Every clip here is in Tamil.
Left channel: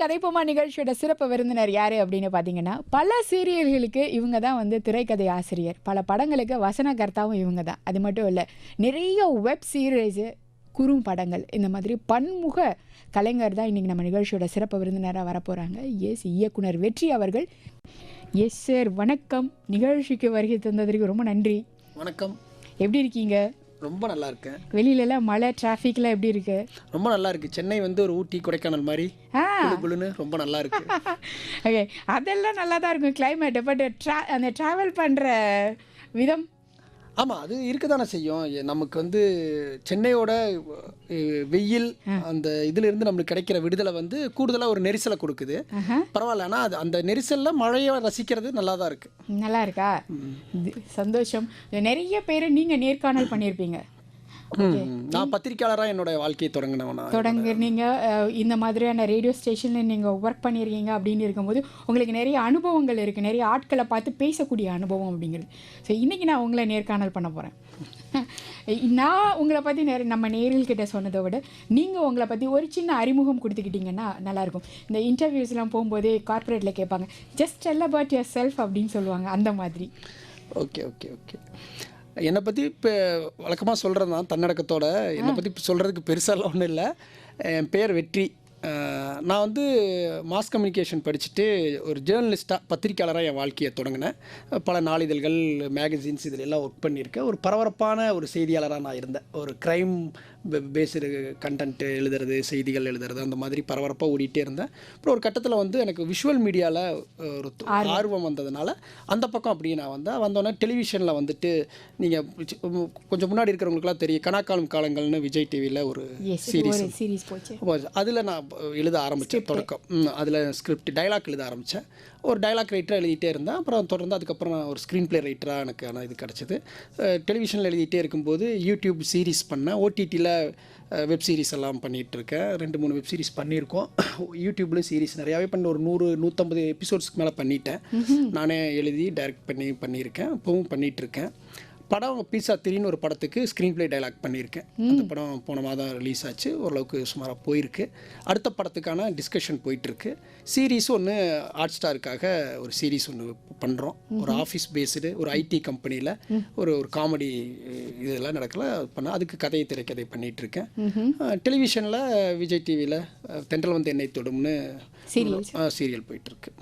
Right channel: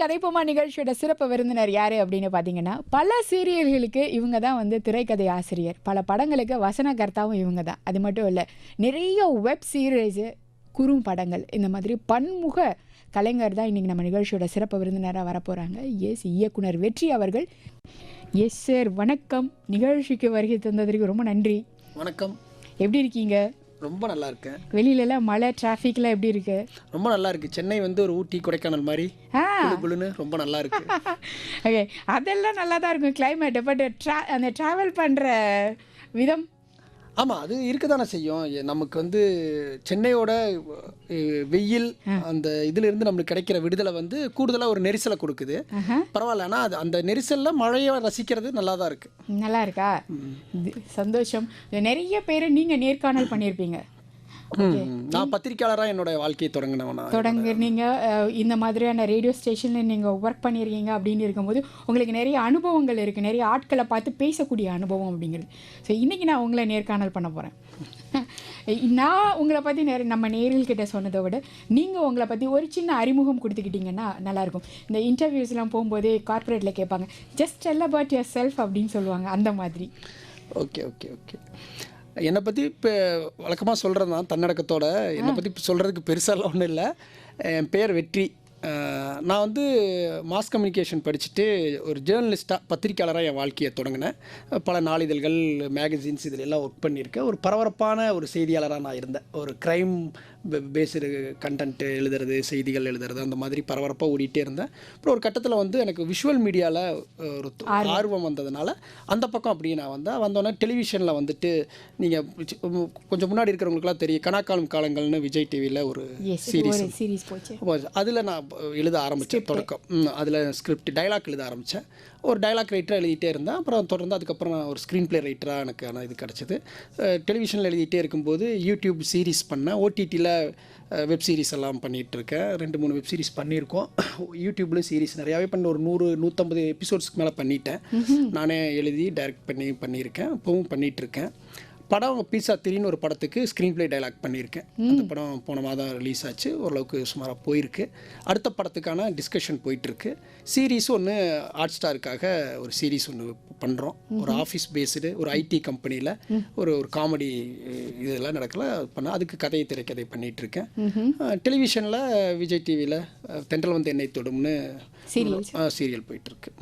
கதைப்போமா நிகழ்ச்சியோட சிறப்பு விருந்தினர் யாரு அப்படின்னு பார்த்தீங்கன்னா, பல சீரியல்களுக்கு இவங்க தான் வந்து திரைக்கதை ஆசிரியர், பல படங்களுக்கு வசனகர்த்தாவும் இவங்க தான். அது மட்டும் இல்லை, நிறைய வெப் சீரிஸு, குறும்படங்கள், இந்த மாதிரி பன்முக கலைஞர் தான் இன்னைக்கு நம்ம நிகழ்ச்சியோட சிறப்பு விருந்தினராக வரப்போகிறாங்க. எஸ், இயக்குனர் வெற்றி அவர்கள். எஸ் சார், வணக்கம். நிகழ்ச்சிக்கு வருகை தந்ததற்கு ரொம்ப நன்றி. வணக்கம். எப்படி இருக்கீங்க? ரொம்ப நல்லா இருக்கேன். வெளியிலலாம் மழை, டிராஃபிக்லாம் எப்படி இருக்கு? ரொம்ப நல்லா இருக்கு. சென்னை வந்து ஒரு ஊட்டி கொடைக்கானல் மாதிரி குளுன்னு ரொம்ப நல்லா இருக்கு. ஓகே, அதெல்லாம் நல்லா தான் இருக்கும் கிளைமேட். பட் அந்த ட்ராவல் பண்ணுற விதம், ஆமாம், அது இருக்க தானே செய்யும். நமக்கு வந்து சென்னையோட வெயில் அந்த இதிலிருந்து நம்மளுக்கு கிடைக்கிற விடுதலை வந்து கூடுதலாக ஒரு நெரிசலை கொடுக்குது. பரவாயில்ல, ஆனால் அது அந்த நெரிசலில் மழையை ரசிக்கிறது நல்லா தான் இருக்கு. நல்லா இருக்கா? சந்தோஷம். நிறைய பேர் நீங்கள் நேர்காணல் பண்ணியிருப்பீங்க. நான் பத்திரிக்கையாளராக என்னோட வாழ்க்கையை தொடங்குனீங்க. இந்த மாதிரியான ரேடியோ ஸ்டேஷனில் நீங்கள் ஒர்க் பண்ணியிருக்கீங்க அப்படின்னு இருக்கும்போது உங்களுக்கு நிறைய அனுபவங்கள் இருக்குது, நிறைய ஆட்களை பார்த்து பேசக்கூடிய அனுபவம் அப்படிங்கிறது. ஸோ இன்றைக்கி நான் உங்களை நேர்காணல் பண்ண போகிறேன். நான் உங்களை பற்றி நம்ம நேயர்கள்கிட்ட சொன்னதை விட நீங்கள் உங்களை பற்றி ஒரு சின்ன அறிமுகம் கொடுத்துக்கிட்டிங்கன்னா நல்லாயிருக்கும். இந்த இன்டர்வியூஸ்லாம் போகும்போதே கார்ப்பரேட்டில் கேட்பாங்க, just tell about your self அப்படின்னு சொல்லுவாங்க, அந்த மாதிரி. Okay okay okay. என்னை பற்றி இப்போ வழக்கமாக சொல்கிறது தான் தன்னடக்கத்தோட. என்னை பற்றி சொல்கிறதுக்கு பெருசாலாம் ஒன்றும் இல்லை. என் பேர் வெற்றி. நான் வந்து மாஸ் கம்யூனிகேஷன் படிச்சுட்டு ஒரு ஜேர்னலிஸ்ட்டாக, பத்திரிக்கையாளராக என் வாழ்க்கையை தொடங்கினேன். பல நாளிதழ்கள், மேகசின்ஸ் இதில் எல்லாம் ஒர்க் பண்ணியிருக்கேன். ஒரு பரபரப்பான ஒரு செய்தியாளராக நான் இருந்தேன். ஒரு க்ரைம் பேஸ்டு கண்டென்ட் எழுதுறது, செய்திகள் எழுதுறது, அந்த மாதிரி பரபரப்பாக ஓடிட்டே இருந்தேன். அப்புறம் ஒரு கட்டத்தில் வந்து எனக்கு விஷுவல் மீடியாவில் ஒரு ஆர்வம் வந்ததுனால அந்த பக்கம் அப்படியே நான் வந்தோடனே டெலிவிஷனில் வந்துட்டு நீங்கள் கொஞ்சம் முன்னாடி இருக்கிறவங்களுக்குலாம் தெரியும், கனாக்காலம் காலங்கள்னு விஜய் டிவியில் ஒரு சீரீஸ் போச்சு. அதில் நான் எழுத ஆரம்பித்தேன். தொடக்கம் அதில் ஸ்கிரிப்ட் டைலாக் எழுத ஆரம்பித்தேன். ஒரு டைலாக் ரைட்டராக எழுதிட்டே இருந்தேன். அப்புறம் தொடர்ந்து அதுக்கப்புறம் நான் ஒரு ஸ்க்ரீன் பிளே ரைட்டராக எனக்கு இது கிடச்சிது. டெலிவிஷனில் எழுதிட்டே இருக்கும்போது யூடியூப் சீரீஸ் பண்ணேன். ஓடிடியில் வெப் சீரிஸ் எல்லாம் பண்ணிகிட்ருக்கேன். 2-3 வெப் சீரிஸ் பண்ணியிருக்கோம். யூடியூப்லேயும் சீரிஸ் நிறையாவே பண்ணி ஒரு 100-150 எபிசோட்ஸ்க்கு மேலே பண்ணிட்டேன். நானே எழுதி டைரக்ட் பண்ணியிருக்கேன். இப்போவும் பண்ணிகிட்ருக்கேன். படம் பீஸா 3ன்னு ஒரு படத்துக்கு ஸ்க்ரீன் பிளே டைலாக் பண்ணியிருக்கேன். அந்த படம் போன மாதம் ரிலீஸ் ஆச்சு. ஓரளவுக்கு சுமாராக போயிருக்கு. அடுத்த படத்துக்கான டிஸ்கஷன் போயிட்டுருக்கு. சீரீஸ் ஒன்று ஹாட் ஸ்டாருக்காக ஒரு சீரீஸ் ஒன்று பண்ணுறோம். ஒரு ஆஃபீஸ் பேஸ்டு ஒரு ஐடி கம்பெனியில் ஒரு காமெடி இதெல்லாம் நடக்கல பண்ண, அதுக்கு கதையை திரைக்கதை பண்ணிகிட்ருக்கேன். டெலிவிஷனில் விஜய் டிவியில் தென்றல் வந்து என்னை தொடும்னு சீரியல் போயிட்டுருக்கு.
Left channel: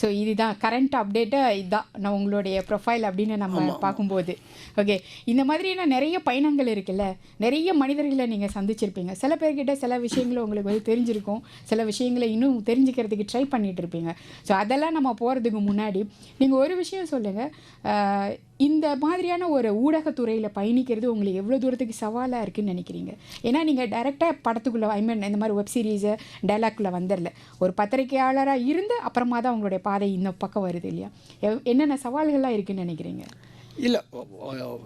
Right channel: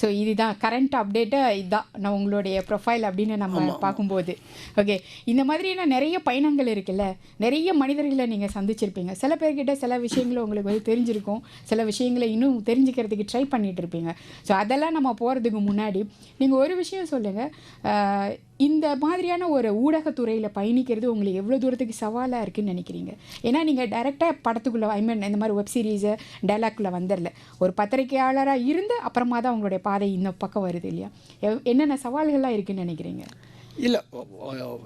ஸோ இதுதான் கரண்ட் அப்டேட்டாக, இதுதான் நான் உங்களுடைய ப்ரொஃபைல் அப்படின்னு நம்ம பார்க்கும்போது. ஓகே, இந்த மாதிரியான நிறைய பயணங்கள் இருக்குல்ல, நிறைய மனிதர்களை நீங்கள் சந்திச்சிருப்பீங்க. சில பேர்கிட்ட சில விஷயங்களை உங்களுக்கு வந்து தெரிஞ்சிருக்கும், சில விஷயங்களை இன்னும் தெரிஞ்சுக்கிறதுக்கு ட்ரை பண்ணிகிட்டு இருப்பீங்க. ஸோ அதெல்லாம் நம்ம போகிறதுக்கு முன்னாடி நீங்கள் ஒரு விஷயம் சொல்லுங்கள். இந்த மாதிரியான ஒரு ஊடகத்துறையில் பயணிக்கிறது உங்களுக்கு எவ்வளோ தூரத்துக்கு சவாலாக இருக்குதுன்னு நினைக்கிறீங்க? ஏன்னா நீங்கள் டைரெக்டாக படத்துக்குள்ளே, இந்த மாதிரி வெப் சீரிஸை டைலாக்குள்ளே வந்துடல, ஒரு பத்திரிகையாளராக இருந்து அப்புறமா தான் உங்களுடைய பாதை இந்த பக்கம் வருது இல்லையா? என்னென்ன சவால்கள்லாம் இருக்குதுன்னு நினைக்கிறீங்க? இல்லை,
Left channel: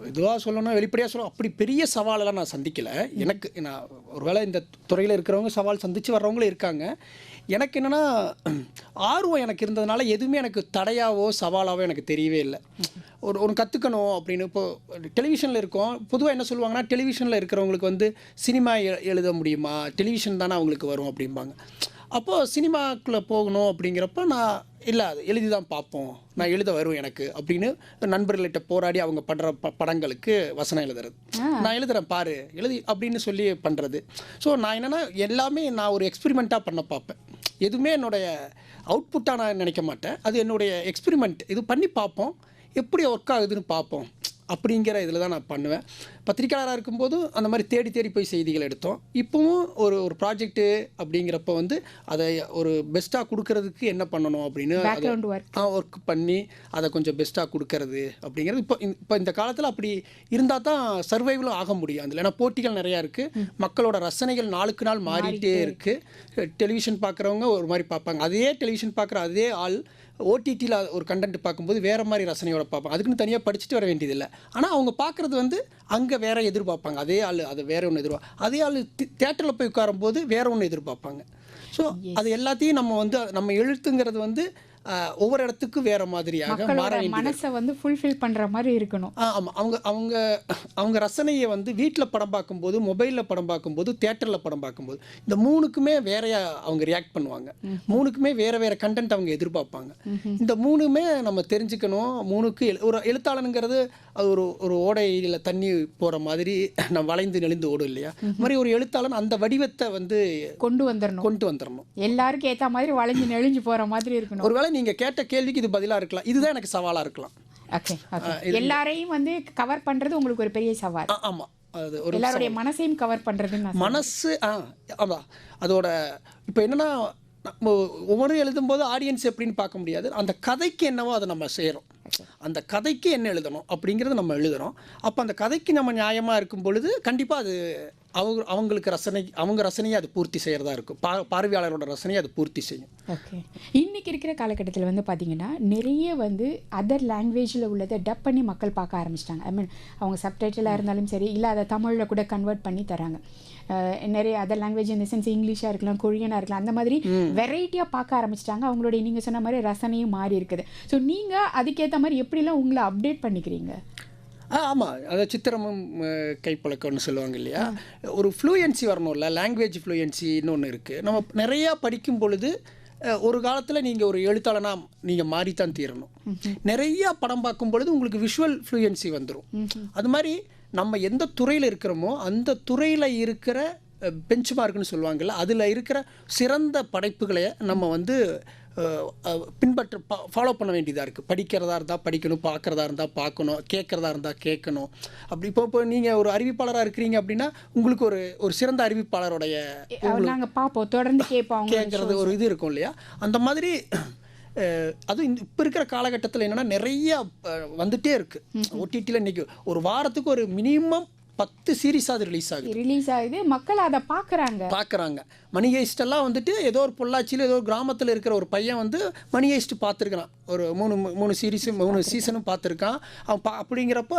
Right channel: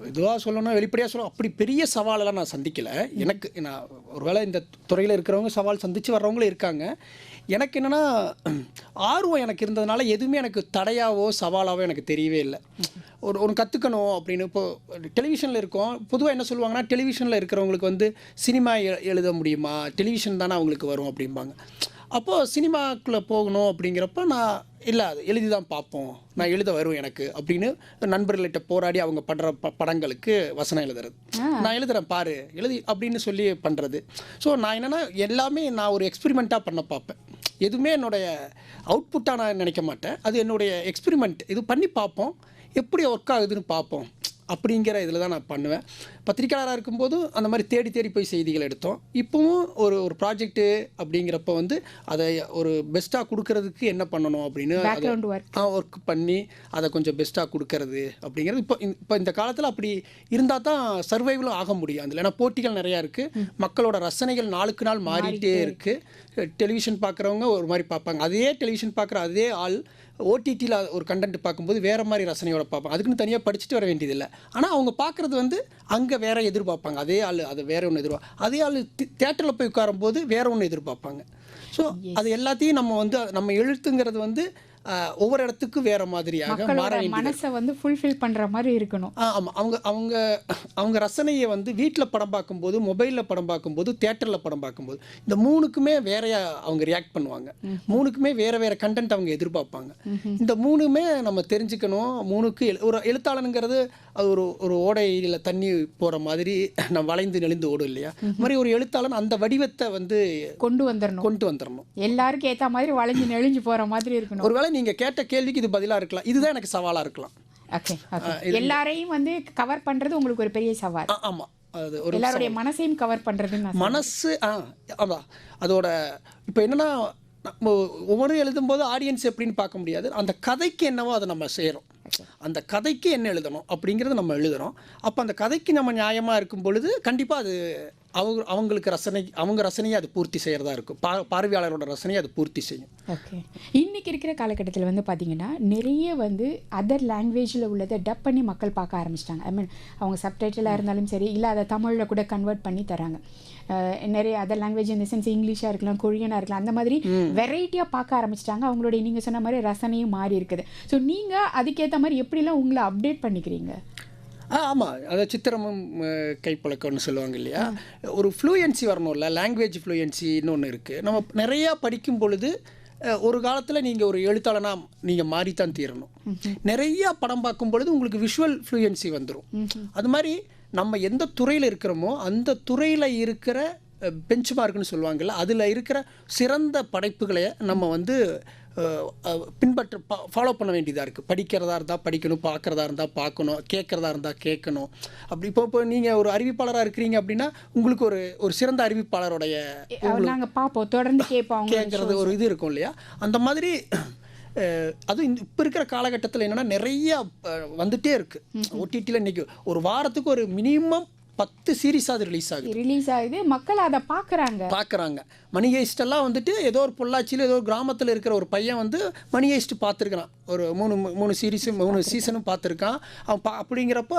இதுவாக சொல்லணும்னா வெளிப்படையாக சொல்லணும், அப்படி பெரிய சவாலெல்லாம் நான் சந்திக்கலை. நான் ஒருவேளை இந்த துறையில் இருக்கிறவங்க சவால் சந்தித்து வர்றவங்களும் இருக்காங்க. எனக்கு என்னென்னா, ஆர்வம் எனக்கு இருந்ததுனால எதுவுமே எனக்கு தடையாவோ சவாலாவோ எனக்கு தெரியவே இல்லை. ஒரு கற்றுக்கணும் அப்படின்னு. இப்போது டெலிவிஷனில் இருக்கோம், பொதுவாக என்ன சொல்லுவாங்கன்னா, டெலிவிஷனில் இருக்கிறவங்களுக்கு வந்து சினிமா எழுத முடியுமா, டெலிவிஷன் தானே அவங்களுக்கு வரும் அப்படிம்பாங்க. அப்போது சினிமாக்குள்ளே போகணும் அப்படிங்கிறப்ப நான் இல்லை, அது எழுதி தான் பார்ப்போம், நான் எழுத வரும் எனக்கு அப்படின்னு நண்பர்கள்கிட்ட போராடி அவங்க பண்ணுற படங்களுக்கு வசனம் எழுதுறது. நான் எழுதுகிறேன் பாரு எழுதி அப்படின்னு சொல்லி பண்ணுறது. ஸோ நான் என்னென்னா எல்லாமே நான் ஒரு எக்ஸ்பெரிமெண்ட்டாக பண்ண பார்ப்பேன். எதுவுமே என்னுடைய அவுட்புட்டாக நான் நினைக்க மாட்டேன். அது என்னுடைய எக்ஸ்பெரிமெண்ட். இது பண்ணி பார்ப்போம், எப்படி ஒர்க் ஆகுதுன்னு பார்ப்போம் அப்படிங்கிற இதில் தான் நான் பண்ணுவேன். பத்திரிக்கையாளராக இருக்கும்போது அந்த மாதிரி தேடி தேடி போய் செய்திகள் எடுத்தோம். இப்போவும் ஒரு ப்ராஜெக்ட்டு அப்படிங்கிறப்ப வந்து அதை ஒரு பெஸ்ட்டாக கொடுக்கறதுக்கு என்ன பண்ணணும் அப்படின்னு ஒர்க் பண்ணி அதை கொஞ்சம் பெஸ்ட்டாக கொடுக்கறது அப்படிங்கிறது. இப்போ இந்த காலத்தில் அப்படி இருந்தால் தான் சர்வைவலும் ஆக முடியும். அதில் ஏன்னா போட்டிகள் நிறையா இருக்குது, மக்களோட ரசனைகள் நாளுக்கு நாள் மாறிட்டே இருக்குது. டெலிவிஷன் பார்க்குறவங்க ஒரு மாதிரி பார்ப்பாங்க, அதே டெலிவிஷன் பார்க்குற அதே ஆள் ஓடிடியில் ஒரு கண்டென்ட் பார்க்கும்போது வேறு மாதிரி ரசனையோட பார்ப்பாங்க. அதுக்குன்னு தனியாக படிச்சுட்டு வர வேண்டியதில்லை. ஆனால் அவங்க பார்க்குறது வந்து அங்கே வேறு எதிர்பார்ப்பாங்க. அதே ஆள் அதை வேறு ஒன்று எதிர்பார்ப்பாங்க. அதே ஆள் தியேட்டரில் போய் உட்காரும்போது வேறு ஒன்று எதிர்பார்ப்பாங்க. ஸோ அது எல்லாத்தையும் நம்ம எழுத்துங்கிறது வந்து ஒவ்வொரு இடத்துக்கும் வேற மாதிரியாக மாற மக்களோட வேண்டியது. மனசை வந்து ஃபுல்ஃபில் பண்ற மாதிரி இருக்கணும். ஆமாம், அவங்க அவங்க அவங்க ரசனையை வந்து வீட்டில் படம் பார்க்கும்போது, மொபைலில் படம் பார்க்கும்போது, தியேட்டரில் படம் பார்க்கும்போது, இந்த மூணுக்குமே வேறையா அவங்க ரியாக்ட் பண்ணுவாங்க. மூணுக்குமே வேற வேற கண்டென்ட் அவங்க எதிர்பார்ப்பாங்க. இந்த மூணுமே நம்ம தெரிஞ்சுக்கணும். மூணுக்கு ஒரு எழுத்தாளனுங்கிறது அது ஒரு ஒரு ஓடையில் தண்ணி போகிற மாதிரி நம்ம வளைந்து நெளிந்து ஓடும் இல்லையா? அது மாதிரி ஒரு எழுத்தாளன் அந்த வடிவத்தை வந்து கொண்டு வந்துடணும். எல்லாருக்கும் ஏத்த மாதிரி வளைஞ்சு நெளிஞ்சு போற மாதிரி இருக்கணும். ஒருவேளை நீங்க கேட்ட கேள்விக்கு இது பதிலா இருக்கலாம், இதுதான் எனக்கு சவாலா இருக்கலாம். எல்லாரையும் வந்து கவர் பண்றது உங்களுக்கு ஒரு பெரிய சவால். ஆமா, அது ஒரு எல்லாருடைய மனசையும் கவர் பண்றது மனசு. ஆமா, அதோட இப்போ என்னன்னா, ஒவ்வொரு எழுதும்போது ஆடியன்ஸ் எப்படின்னு பார்க்க முடியாது. அந்த கதைக்கு என்னவோ அதை நம்ம செய்யறோம். அந்த கதைக்கு என்ன எழுதணும் அப்படிங்கிறது நம்ம எழுதுறோம். அப்போ அந்த கதைக்கு நம்ம நியாயமா இருக்கும் பொழுது கண்டிப்பா அது அவங்களுக்கு அவங்க ரசனையை அது பூர்த்தி செய்யறதா இருக்கும். பார்வையாளரோட ரசனையை அது பூர்த்தி செய்யும். ஓகே. இன்னைக்கு இருக்கிற காலகட்டத்தில் வந்து பார்த்தீங்கன்னா நிறைய வந்து அதர் லாங்குவேஜில் உள்ளதை டப் பண்ணி மக்கள் பார்க்க ஆரம்பிச்சிட்டாங்க. ஐ மீன் அவங்க சப்டைட்டிலாக இருந்தாலும் சரி, இல்லை அதை தமிழில் கூட கன்வெர்ட் பண்ணி தராங்க. நிறைய அதர் லாங்குவேஜ் இந்த சென்ஸ் இங்கிலீஷாக இருக்கலாம், கொரியனாக இருக்கலாம், அந்த மாதிரி வெரைட்டியாக பார்க்க ஆரம்பிச்சிட்டாங்க. அவங்களுடைய நீங்கள் சொன்ன மாதிரி ரசனையும் மாறி இருக்குது. ஸோ நீங்கள் அதுக்கேற்ற மாதிரி எப்படிலாம் உங்களை அப்டேட் பண்ணிக்கிறீங்க? ஆமாம், அதை சித்திரமும் கைப்பழக்கம்னு சொல்லுவாங்க இல்லையா? ஒரு ஃப்ளூயன்சி வரணும்ல, லாங்குவேஜ் ஃப்ளூயன்சின்னு ஒன்று இருக்குது. நம்ம நிறையா படிக்கும் பொழுது ஒரு காலத்தில் நீங்கள் ஒரு எழுத்தாளனாக நீங்கள் மாறித்தான் தீரணும். நிறையா படம் பார்க்கும் பொழுது உங்களுக்கு விஷுவல் ஃப்ளூயன்சி வந்துடும். அது மாதிரி நம்ம எந்த துறையில் இருக்கிறோமோ அந்த துறையில் இருக்கிற பெஞ்ச் மார்க்னு சொல்லுவாங்கல்ல, அதில் இருக்கிற சிறந்த படைப்புகளை நம்ம வந்து ஃபாலோ பண்ண வேண்டியதாக இருக்குது. படிக்கிறதா இருந்தால் படிக்கணும், பார்க்குறதா இருந்தால் பார்க்கணும், கேட்குறதா இருந்தால் கேட்கணும். அப்படி இப்போ நீங்கள் ஒரு அறிவிப்பாளராக இருக்கிறீங்க அப்படின்னா உங்களுக்கு ஒரு சிறந்த அறிவிப்பாளருடைய தொடர்ந்து கேட்குறது ஒரு இது இருக்கும் இல்லையா? அந்த மாதிரி அதுவும் இப்போ இருக்கிற காலகட்டத்தில் என்னென்னா நிறைய வந்துட்டே இருக்குது. OTTல இன்னைக்கு ஒரு வாரத்துக்கு ஒரு மினிமம் 10 சீரீஸ் அது ரிலீஸ் ஆகுது. மக்கள் அதை பார்க்குறாங்க. மணி ஹெய்ஸ்ட் எல்லாம் வந்துட்டு ஏதோ ஒரு பொள்ளாச்சியில் ஏதோ ஒரு கிராமத்தில் இருக்கிற ஒரு பையன் வந்து மணி ஹெய்ஸ்ட் பார்த்துருக்கான். ஒரு மூணு சீசனும் பார்த்துருக்கான். அப்படிங்கிறப்ப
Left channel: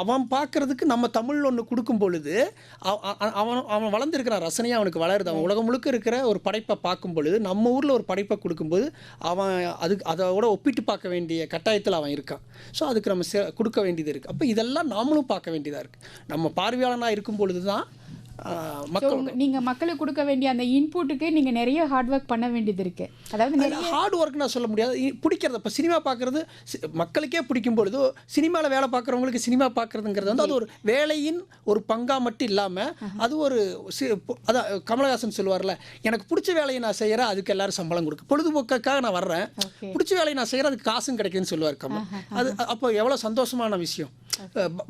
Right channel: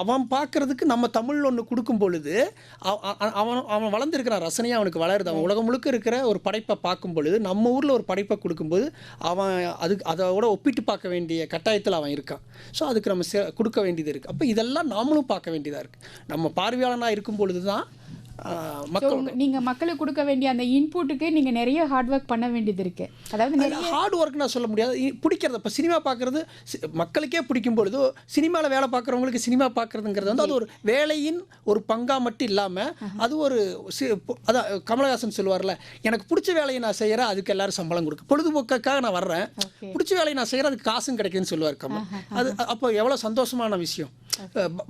அவன் பார்க்கறதுக்கு நம்ம தமிழ் ஒன்று கொடுக்கும் பொழுது அவன் வளர்ந்துருக்கிறான், ரசனையாக அவனுக்கு வளருது. அவன் உலகம் முழுக்க இருக்கிற ஒரு படைப்பை பார்க்கும் பொழுது, நம்ம ஊரில் ஒரு படைப்பை கொடுக்கும்போது அவன் அதோட ஒப்பிட்டு பார்க்க வேண்டிய கட்டாயத்தில் அவன் இருக்கான். ஸோ அதுக்கு நம்ம கொடுக்க வேண்டியது இருக்குது. அப்போ இதெல்லாம் நாமளும் பார்க்க வேண்டியதாக இருக்குது. நம்ம பார்வையாளனாக இருக்கும் பொழுது தான் நீங்க மக்களுக்கு கொடுக்க வேண்டிய அந்த இன்புட்டுக்கு நீங்க நிறைய ஹார்ட் ஒர்க் பண்ண வேண்டியது இருக்கு. அதாவது ஹார்ட் ஒர்க் நான் சொல்ல முடியாது. பிடிக்கிறது, இப்போ சினிமா பார்க்கறது மக்களுக்கே பிடிக்கும் பொழுது சினிமாவில் வேலை பார்க்குறவங்களுக்கு சினிமா பார்க்கறதுங்கிறது வந்து அது ஒரு வேலையின் ஒரு பங்கா மட்டும் இல்லாமல் அது ஒரு அதான் கமலஹாசன் சொல்லுவார்ல, எனக்கு பிடிச்ச வேலையை நான் செய்கிறேன், அதுக்கு எல்லாரும் சம்பளம் கொடுக்கு, பொழுதுபோக்காக நான் வர்றேன், பிடிச்ச வேலையை நான் செய்கிறேன், அதுக்கு காசும் கிடைக்குதுன்னு சொல்லுவார் கமல். அது அப்போ எவ்வளோ சந்தோஷமான விஷயம்.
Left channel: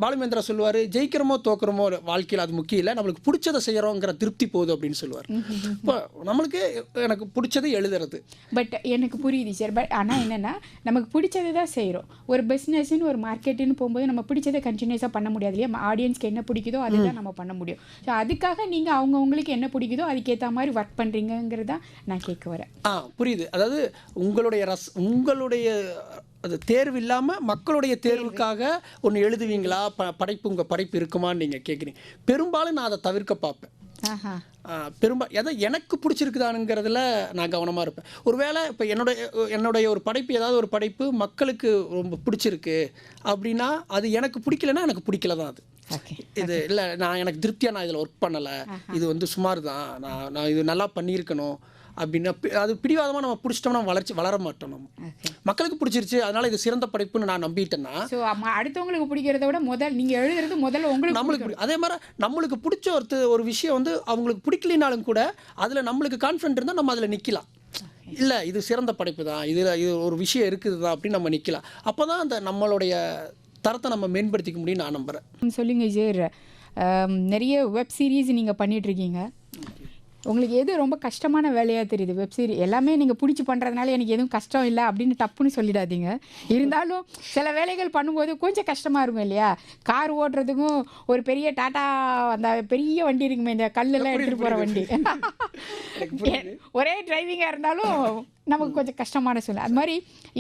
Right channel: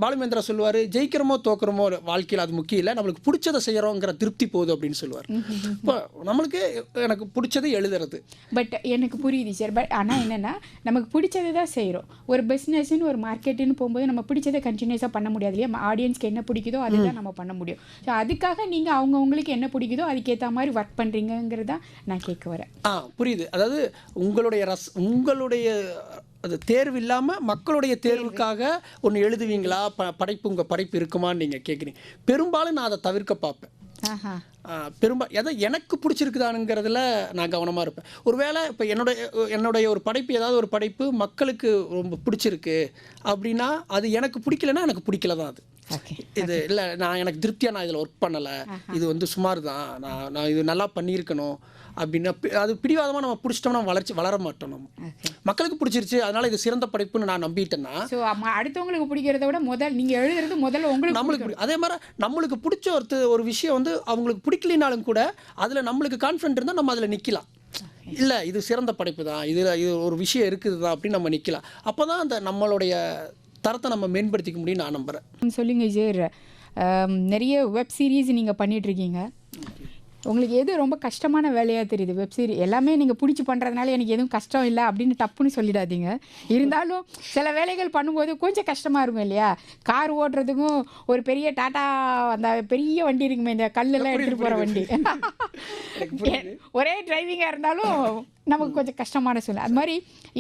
பாலுமேந்திரா சொல்லுவார், ஜெயிக்கிறோமோ தோக்குறோமோ வாழ்க்கையில் அது முக்கியம் இல்லை, நம்மளுக்கு பிடிச்சதை செய்கிறோங்கிற திருப்தி போகுது அப்படின்னு சொல்லுவார். இப்போ நம்மளுக்கு எனக்கு பிடிச்சதை எழுதுறது. பட் எனக்கு புரியுது சார். பட் ஆனால் என்னென்னா நமக்கு பிடிச்சதை தான் செய்கிறோம். ஒரு பிஸ்னஸ்ன்னு ஒரு மார்க்கெட்டுன்னு போகும்போது நம்ம பிடிச்சதை கண்டினியூஸாக பண்ண முடியாது இல்லையா? ஆடியன்ஸ்க்கு என்ன பிடிக்குதோ அதுதான் நம்ம பண்ண முடியும். ஸோ அதுக்காக நீங்கள் அவங்கவுங்களுக்கு என்ன பிடிக்குதோ அதுக்கேற்ற மாதிரி ஒர்க் பண்ணுறீங்கிறதா நான் கேட்க வரேன். புரியுது. அதாவது உங்களுடைய அது தேர்வு இல்லாமல் மக்களுடைய தேர்வுக்காக ஒன்று எழுதுவீங்களா, உங்கள் படைப்பு இருக்குமான்னு நீங்கள் கேட்குறீங்க. பெரும்பாலும் நான் அதை தவிர்க்க பார்ப்பேன். எனக்கு பிடிச்சிருக்குதானுங்கிறதுல நான் கவனமாக இருப்பேன். ஒருவேளை இப்போ என்னுடைய ஒரு படைப்பு, ஏதாவது ஒரு படைப்பு மக்களுக்கு ரொம்ப பிடிச்சிருக்கு அப்படின்னா அது எனக்கு பிடிக்கலன்னா எனக்கு பிடிக்கல தான். அது இது இல்லை, எனக்கு திருப்தியாக நான் இதில் ஒர்க் பண்ணலை, இது வந்து சுமார் தான், நான் இது நல்லா பண்ணியிருக்கணும் அப்படின்னா அது பிடிவாதமாக நம்ம பிடிச்சிட்டோம்னா வளர மாட்டோம். நம்ம மக்களுக்கு பிடிச்சிருச்சு அதனால இது சிறந்த படைப்புன்னு நான் நம்பிட்டேன்னா அடுத்தவங்களுக்கு பிடிக்கிறத விட நீங்கள் எழுதுறது முதல்ல நம்மளுக்கு அதே மாதிரி நம்மளுக்கு பிடிச்ச ஒரு விஷயம் வந்து அவங்களுக்கு பிடிக்கலினாலும் கூட அதில் நம்மளுக்கு கான்ஃபிடென்ட் இருந்தால் நம்ம அதில் நிற்கலாம். இல்லை இது சிறந்த படைப்பு தான், இது ஒரு விஷயம் இருக்குது தான் அப்படின்னு நம்ம நிற்கலாம். அப்போ தான் அந்த நம்மளுடைய தரத்தை நம்ம மேம்படுத்திக்க முடியும் நான் நம்புகிறேன். சொல்லுங்க சார், நிறைய வெப் சீரிஸ் நீங்கள் பண்ணிகிட்ருக்கீங்க. உங்களுக்கு எது ரொம்ப கஷ்டமான வேலையாக தெரியுது? வெப் சீரிஸ் எல்லாமே நீங்கள் பிடிச்சி பண்ணுறதுனால எனக்கு எதுவும் கஷ்டம் இல்லை அப்படின்னு டப்புன்னு சொல்லிடாதீங்க. இருந்தாலும் சில வேலைகள் பண்ணும்போது கொஞ்சம் கஷ்டமாக இருக்கும் இல்லையா? கார் ஓட்டுறதுக்கும் ஒரு பெரிய டாட்டா அந்த பெரிய வண்டி இருக்குமே, இந்த கல்லெல்லாம் எடுத்துகிட்டு போகிற வண்டி, ஒரே டிரைவிங்காக இருந்தாலும் நமக்கு கொஞ்சம் கஷ்டமான சூழ்நிலை. அது மாதிரி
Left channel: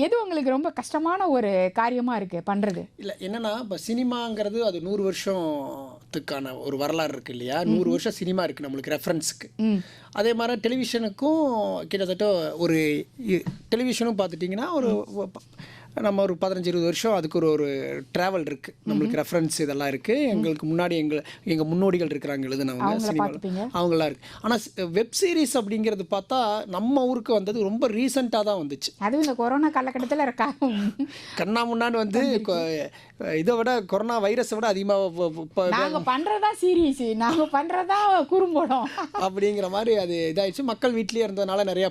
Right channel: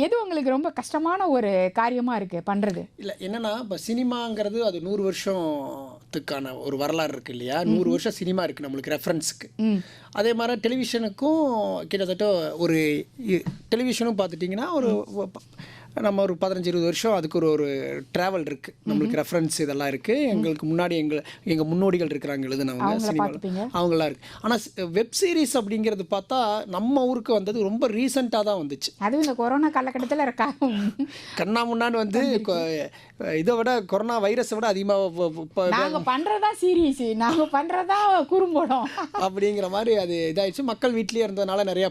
எது உங்களுக்கு ரொம்ப கஷ்டமான ஒரு காரியமாக இருக்குது பண்ணுறது? இல்லை என்னென்னா, இப்போ சினிமாங்கிறது அது 100 வருஷம் சினிமாத்துக்கான ஒரு வரலாறு இருக்குது இல்லையா, 100 வருஷம் சினிமா இருக்குது நம்மளுக்கு ரெஃபரன்ஸுக்கு. அதே மாதிரி டெலிவிஷனுக்கும் கிட்டத்தட்ட ஒரு டெலிவிஷனும் பார்த்துட்டிங்கன்னா நம்ம ஒரு 15-20 வருஷம் அதுக்கு ஒரு ட்ராவல் இருக்குது நம்மளுக்கு, ரெஃபரன்ஸ் இதெல்லாம் இருக்குது. எங்களுக்கு முன்னாடி எங்கள் முன்னோடிகள் இருக்கிறாங்க எழுதுனவங்க சினிமாவில், அவங்களாம் இருக்குது. ஆனால் வெப் சீரிஸ் அப்படிங்கிறது பார்த்தா நம்ம ஊருக்கு வந்தது ரொம்ப ரீசெண்டாக தான் வந்துச்சு. அதுவும் இந்த கொரோனா காலகட்டத்தில் இருக்கா கண்ணா முன்னான்னு வந்து இதை விட கொரோனா வைரஸை விட அதிகமாக நாங்கள் பண்ணுறதா சீரியஸ், நாங்கள் பண்ணுறதா குறும்படம் அப்படிங்கிற மாதிரி அது இதாகிடுச்சு. மக்கள் வீட்லேயே இருந்ததுனால நிறையா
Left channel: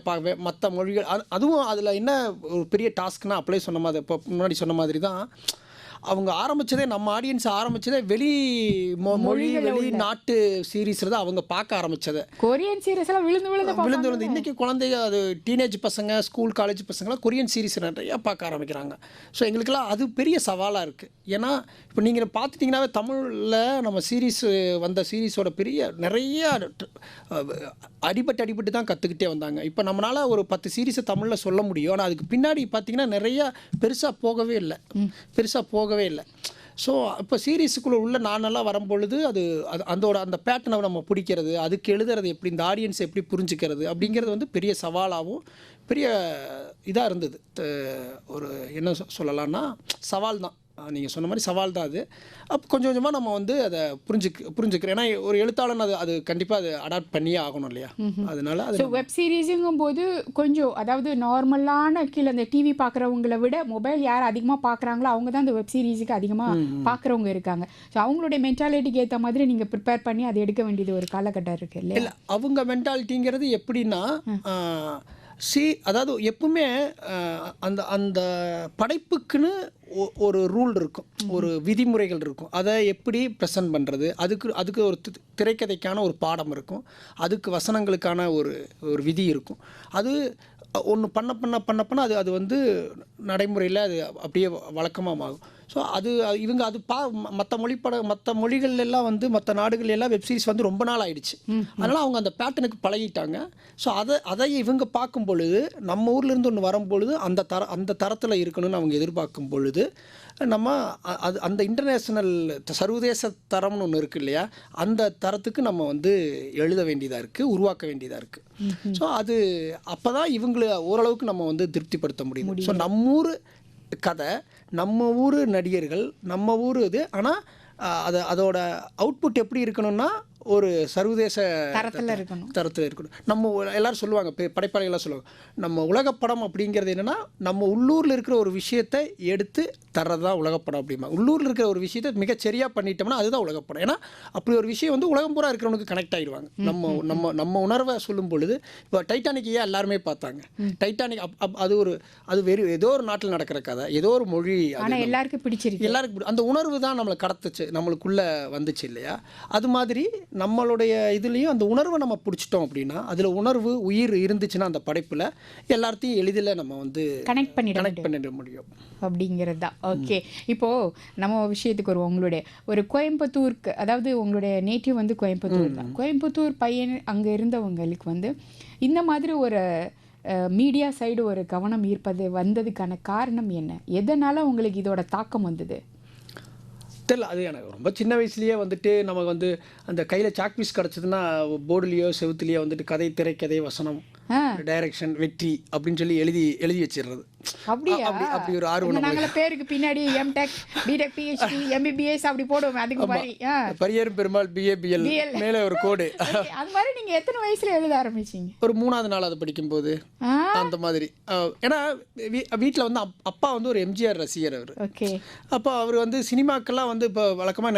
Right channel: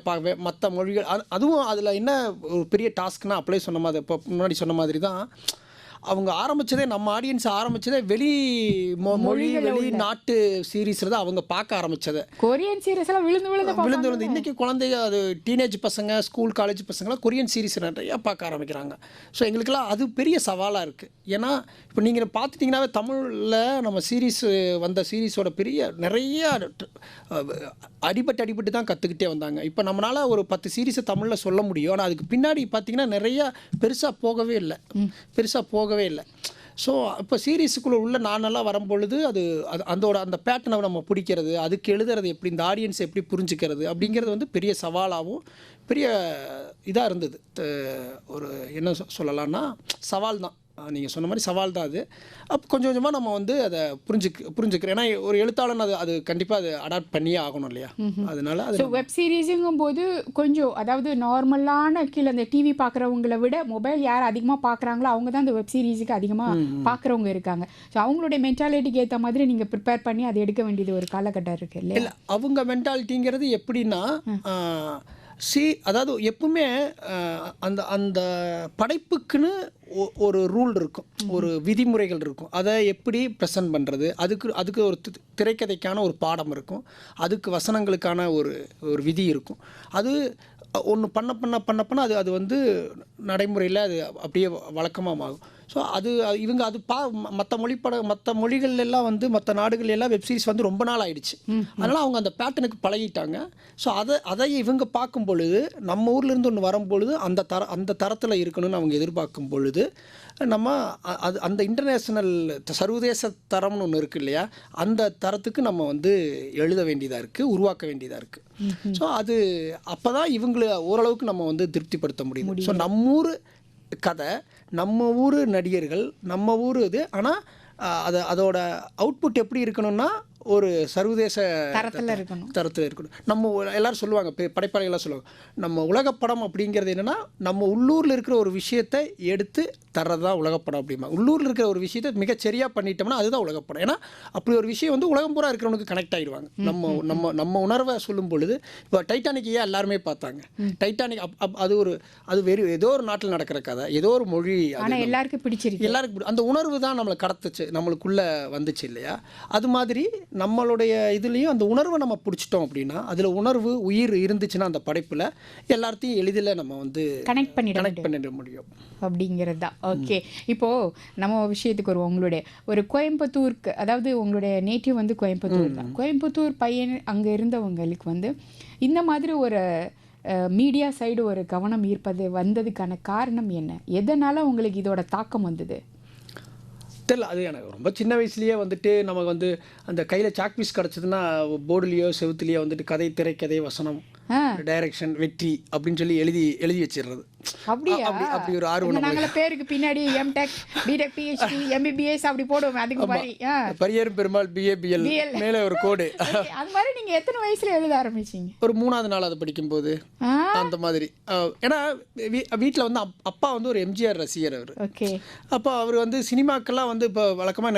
மற்ற மொழிகள் அதுவும் அதில் என்ன ஒரு பெரிய டாஸ்க்னா அப்ளை சொன்ன மாதிரி இப்போ முன்னாடி சொன்ன மாதிரி தான் அவங்க ஆரம்பித்ததே, நம்ம ஆடியன்ஸ் ஆரம்பித்ததே மொழி வெளிநாட்டு சீரீஸில் தான் அவங்க பார்க்க ஆரம்பித்தது. கொரியன் சீரீஸ்லாம் விழுந்து இன்றைக்கி குழந்தைங்க அது டீனேஜ் பசங்க ஸ்கூல் காலேஜ் பசங்களாம் கொரியன் சீரீஸ் நிறையா பார்க்க ஆரம்பிக்கிறாங்க. ஸோ எங்களுக்கெல்லாம் அது பெரிய சவாலாக இருக்குது. ஏன்னா இப்போ நீங்கள் பார்த்துட்டிங்கன்னாவே தமிழில் நம்ம வந்த சீரீஸோட நிறைய அடிபட்டு தான் கற்றுக்கிட்டே வந்தாங்க. இப்போ நம்மளால் ஒரு 10 சீரீஸை தமிழில் சொல்ல முடியும். ஆனால் அதுக்கு பின்னாடி பார்த்திங்கன்னா நிறையா பெருசாக போகவே இல்லை. ஸோ இப்போ சீரீஸுக்குள்ளே உள்ள நானெல்லாம் வரும்பொழுது அந்த பேட்டர்னை நம்ம பிடிக்கிறது, அதுக்கு எழுதுறது எப்படி, இந்த ஆடியன்ஸை எப்படி புரிஞ்சுக்கிறது அப்படிங்கிறது வந்து பெரிய சவாலாகவும் பெரிய இதாக இருந்தது. ஒரு என்ன சொல்லலாம்னா சவால் தான், நீங்கள் சொன்ன மாதிரி சவால் தான் அது. அப்போ கொஞ்சம் கொஞ்சமாக நம்ம வந்து அதை புரிஞ்சுக்கிறேன். ஏன்னா ஒரு எழுத்தாளன் அது கண்டிப்பாக அதை அடாப்ட் பண்ணியே ஆகணும் இல்லையா. அதனால ஸோ வெப் சீரிஸுங்கும் போது கொஞ்சம் அதாவது நார்மலான கீழே அந்த டிவி பார்க்குறவங்கள விட மொபைல் யார் அதிகமாக பார்க்குறாங்களோ அவங்க தான் இந்த வெப் சீரிஸுக்கு அதிகமாக பார்க்குறவங்க இருக்காங்க. ஸோ அவங்களுடைய மென்டாலிட்டிக்கு ஏற்ற மாதிரி நீங்கள் ப்ரிப்பேர் பண்ணி அதை எடுக்க வேண்டியது ஒரு காலகட்டம் இருக்குது இல்லையா. இல்லை, அவங்க மென்டாலிட்டிங்கிறது எப்படின்னா அதாவது எப்பவுமே அந்த படைப்புக்குன்னு ஒரு ரூல் இருக்கும், ஒரு விதிமுறைகள் இருக்கும். அதை எப்படி ப்ரெசன்ட் பண்ணுறது, அதுக்கு ஒரு திரைக்கதைக்கான ஒரு பாடம் இருக்கும், அதுக்கு வசனங்களுக்கான ஒரு விதி இருக்கும். அது ஒன்று பண்ண அது வந்து நடைமுறையில் அது அப்படியே வழக்கமாக ஆகும். ஸோ இவங்க மற்ற மொழிகள் எல்லாம் வந்து மற்ற நாடுகள் எல்லாம் வெப்சீரிஸ் வந்து ரொம்ப நாள் ஆயிடுச்சு. அதனால் அவங்க அந்த பேட்டர்னுக்கு பழகிட்டாங்க. ஸோ அதை இவங்க பார்க்கும் பொழுது நம்ம ஊர்லேருந்து ஒன்று வரும்பொழுது அந்த தரத்தில் இருக்கணும்னு அவங்க எதிர்பார்க்கும் பொழுது நம்ம அந்த இன்டர்நேஷ்னல் சர்வதேச தரம்னு ஒன்று இருக்குது இல்லையா, அந்த தரத்துக்கு நம்ம வந்து எழுத வேண்டியதாக இருக்குது, உருவாக்க வேண்டியதாக இருக்குது. ஸோ அப்போ தான் இவங்களை ஓரளவுக்கு நம்ம வந்து திருப்திப்படுத்த முடியும். ஸோ நம்ம ஊர் கதை, நம்ம ஊர் நடிகர்கள், நம்ம ஊர் இது. ஆனால் அதோட அவுட்புட் எப்படி இருக்கணும்னா ஒரு சர்வதேச தரத்தில் இருக்கணும். நம்ம எல்லாரும் சொல்லுவாங்க, படைப்பாளிகள்லாம் சொல்லுவாங்க, நம்ம உலகப்படம் அப்படிங்கிறது என்னென்னா நம்ம உள்ளூரில் இருக்கிற ஒரு விஷயத்தை எடுத்து தர்றது தான் உலகப்படம் அப்படிமா. உள்ளூரில் இருக்கிற ஒரு விஷயத்தை மிகச்சரியாக பண்ணிட்டோம்னா அதுதான் உலகப்படம். ஏன்னா அப்படி ஒரு விஷயம் வந்து உலகம் பூரா இருக்கிறவனுக்கு கனெக்ட் ஆகிடுவாங்க. நம்ம உணர்வை சொல்லும் பொழுது இப்போ டைட்டானிக் ஏன் எல்லாருமே பார்த்தாங்க, டைட்டானிக் அது ஏதோ ஒரு நாட்டில் நடக்கிற கதை, ஏதோ ஒரு மொழி, எல்லாருக்கும் பிடிச்சிருக்கு, அந்த உணர்வு தான் நம்மளை கடத்துச்சு, நம்மளுக்குள்ளே வந்துச்சு இல்லையா. அது மாதிரி நம்மளுடைய இதுலேயும் அந்த உணர்வை நம்ம பிடிச்சிட்டோம் அப்படின்னா, அதில் உணர்வு உயிர் இருந்துச்சுன்னா அந்த படைப்பில் எல்லாத்தையும் எளிதில் நம்ம வந்து கனெக்ட் பண்ணிட முடியும் அப்படிங்கிறது தான். ஓகே, இப்போது நம்ம விஷயத்துக்கு வருவோம். உங்களுடைய ஒரு கோயம்புத்தூருக்கு, அதாவது உங்களுடைய நேட்டிவ் வந்து கோயம்புத்தூர் தான். கோயம்புத்தூர் பையன் அங்கே இருந்தவங்களுக்கு வந்து இந்த மாதிரி ஒரு மீடியா சைடு ஒரு கவனம் வந்ததுக்கான காரணம் என்ன? எதனால் உங்களுக்கு இதோட தாக்கம் வந்தது? தெரியல, அது எனக்கு ரொம்ப சின்ன வயசுலேயே வந்துட்டு நமக்கு வந்து அந்த கையில் சாக்பீஸ் கிடச்சதுன்னா போர்டுலேயோ செவுத்துலேயோ வந்துட்டு கதை, திரைக்கதை, வசனம், டைரக்ஷன், வெற்றி அப்படின்னு சொல்லி எழுதி வச்சிடுறது. அப்படி ஒரு ஆர்வம். நாங்கள பேருக்கு பின்னாடி எம்டெக், பிடெக், பிஹெச்டி, எம்பிபிஎஸ் அப்படி போடுவோம். அதுக்கு மாதிரி பரியரும் பெருமாள் பிஏபிஎல் மேலே ஒரு கோடு. அது மாதிரி நீங்க எத்தனை வயசுல எழுத ஆரம்பிச்சீங்க? ஒரு 3ஆவது 4ஆவது படிக்கும்போது அந்த மாதிரி. ஏன்னா வீட்டில் வந்து அப்பா வந்து ஒரு எம்ஜிஆர் ரசிகர் அவர். அப்போ அவர் வந்து சினிமாக்கெல்லாம் வந்து இப்போ வழக்கமாக